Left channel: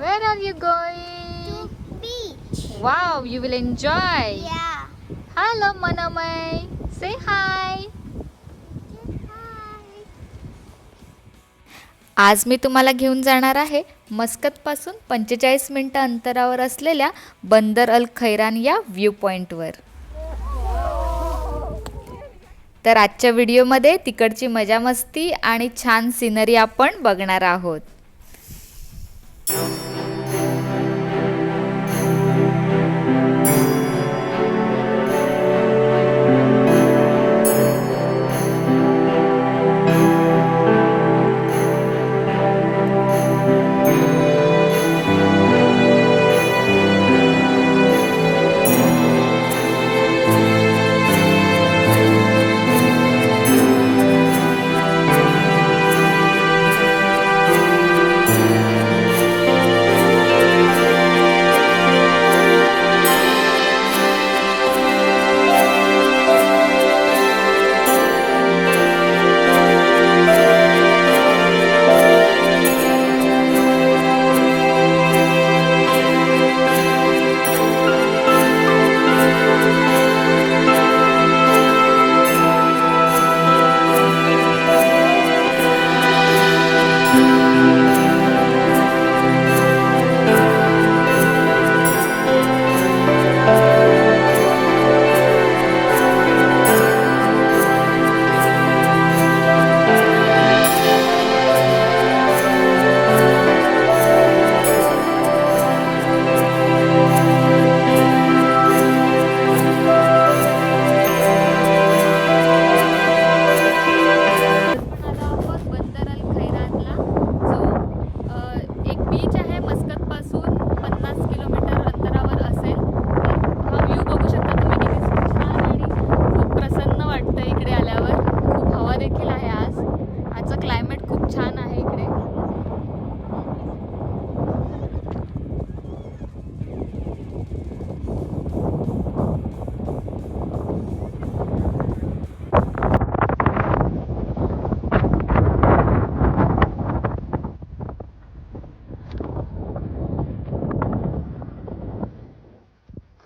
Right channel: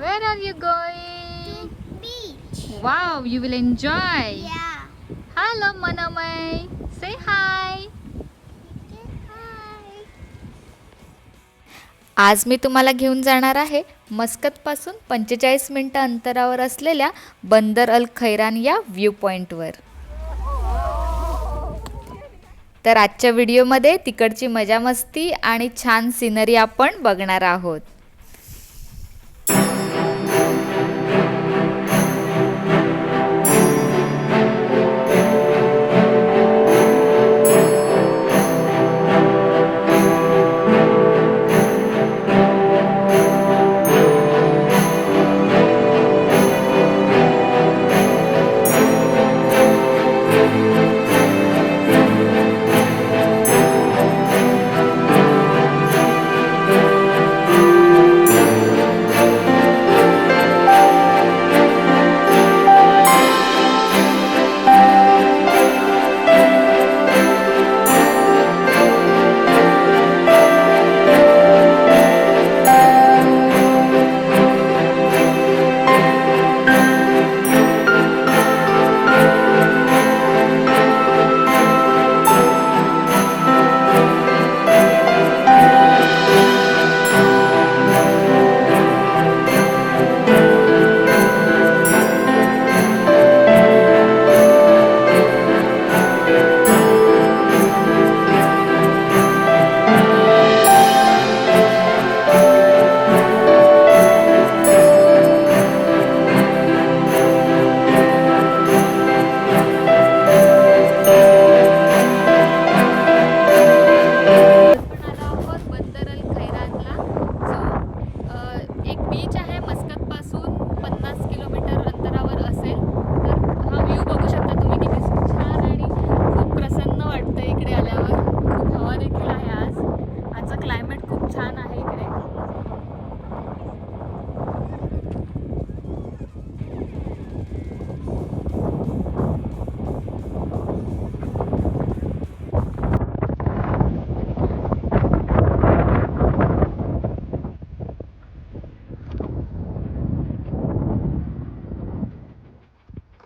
Where are you going? Beach. Wow, you will enjoy. Yeah. Hello, Manamai. Say hi. Hi. आज मी तुम्हाला घेऊन जाणार आहे मस्कतपासून 45 मिनिटं अंतरावर असलेल्या बंदर अल खैरान या व्ह्यू पॉईंटवर. तर आजच्या व्हिडिओमध्ये तिकडची मजा मस्ती आणि छान सिनरी आपण बघणार आहोत.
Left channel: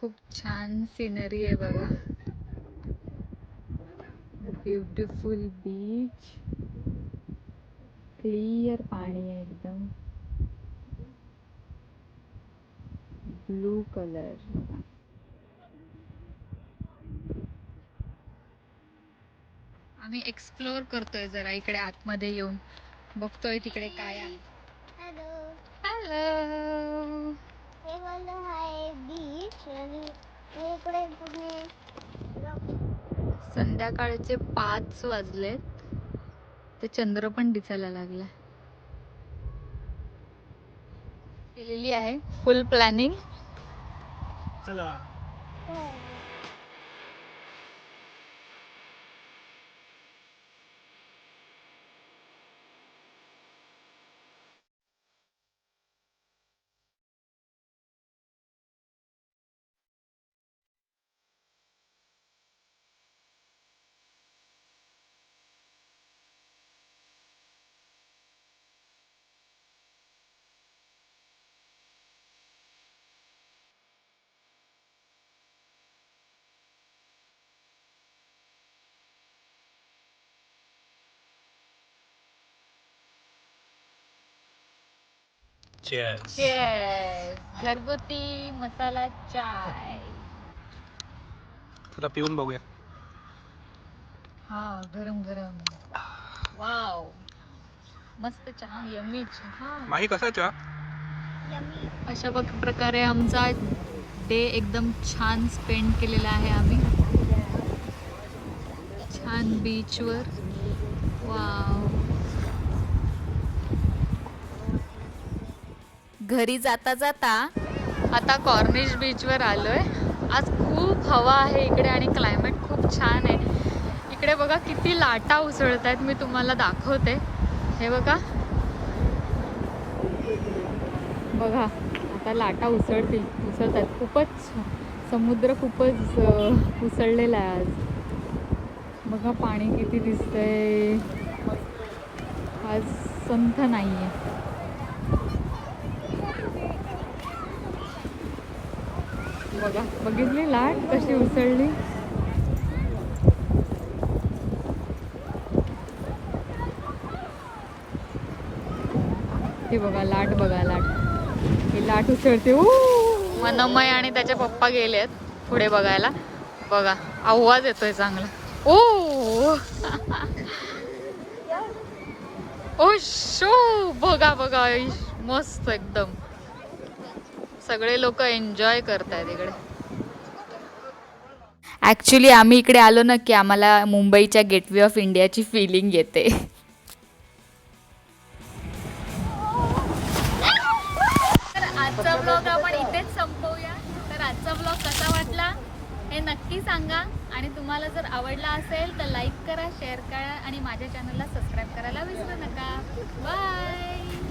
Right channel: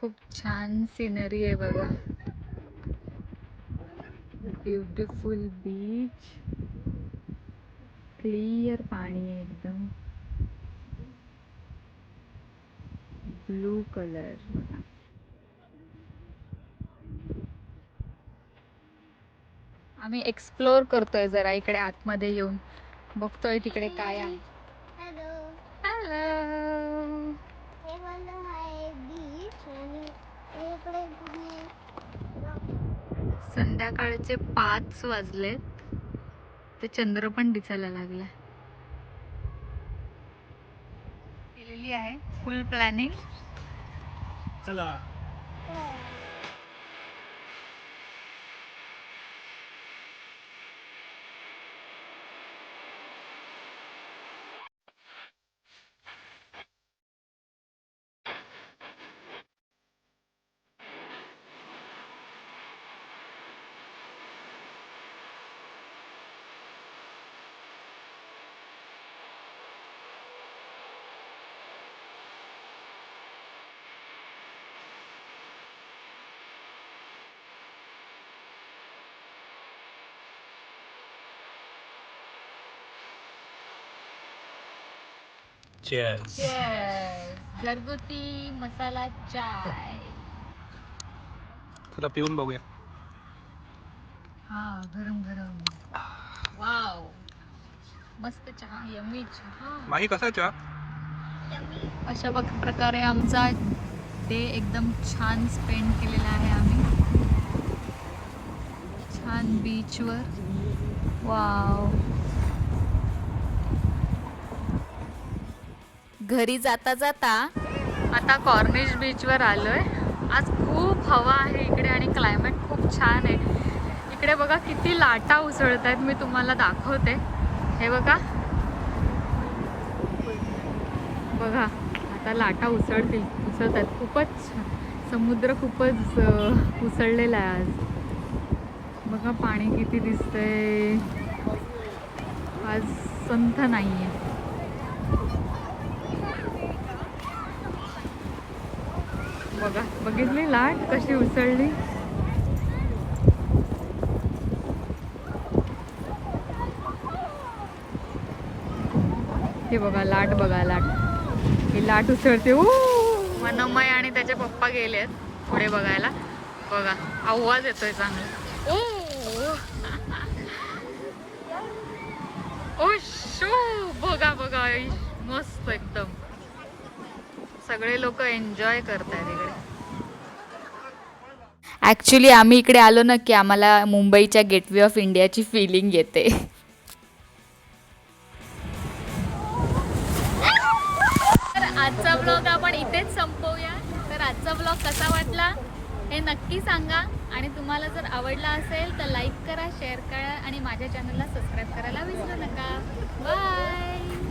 खूप छान सिनरी आहे बघा. ब्युटिफुल बीच, क्लिअर पाणी आहे एकदम, ब्लू कलर बघा. आम्ही एक्सप्लोर करतोय जरा इकडे आतमध्ये येऊन बघतोय तिकडे काय आहे. हॅलो. हॅलो. हे वाला आहे बीच आणि इकडे तुम्ही संध्याकाळचे 5 वाजलेत, ते चंद्र पण दिसायला लागला. केलेली आहे फुल प्लॅनिंग. चला. Cheers. घरगुती मसाला चाय. चला पिऊन बघूया. हा, गरम गरम. वाव, मस्त चहा, यम्मी चहा. माही कसा चहा? अशा प्रकारे आमचा डे एकदम छान स्पेंड केलेला आहे आम्ही छान बीचवर. वाव. घरी जाता जाता आता कॉर्निश बीचवर आलोय. आज खूप हवा आहे इकडे आणि क्लायमेट खूप छान आहे. इकडे बघा किती लाटा उसळत आहेत, मी तुम्हाला दाखवते. हे बघा बघा, आता लाटा उसळत आहेत. खूपच समुद्र खूपच उसळलेला आहे आज. बघा पाणी किती दिसतंय. आज संथ नाहीये. बघा, बघितली लाट कशी उसळली. हे बघा लाट, बघा लाट, ही लाट उसळते. मनमय आणि त्याचे पप्पा गेलेत पुढे बघायला. बघा आवाज येतोय चांगला. ओ ओ शो, बघा बघा, मस्त एकदम. सगळे लोक एन्जॉय करतायत इकडे. ॲक्च्युली आम्ही इकडे आलो ना की आम्हाला मुंबईच्या गेटवे ऑफ इंडियाची फिलिंग येते. तर आजचा ब्लॉग आपण इथेच संपवूया. तर आजचा ब्लॉग कसा वाटला हे नक्की सांगा. आणि तुम्हाला जर आवडला असेल तर लाईक करा, शेअर करा आणि माझ्या चॅनलला सबस्क्राईब करायला विसरू नका. बाय.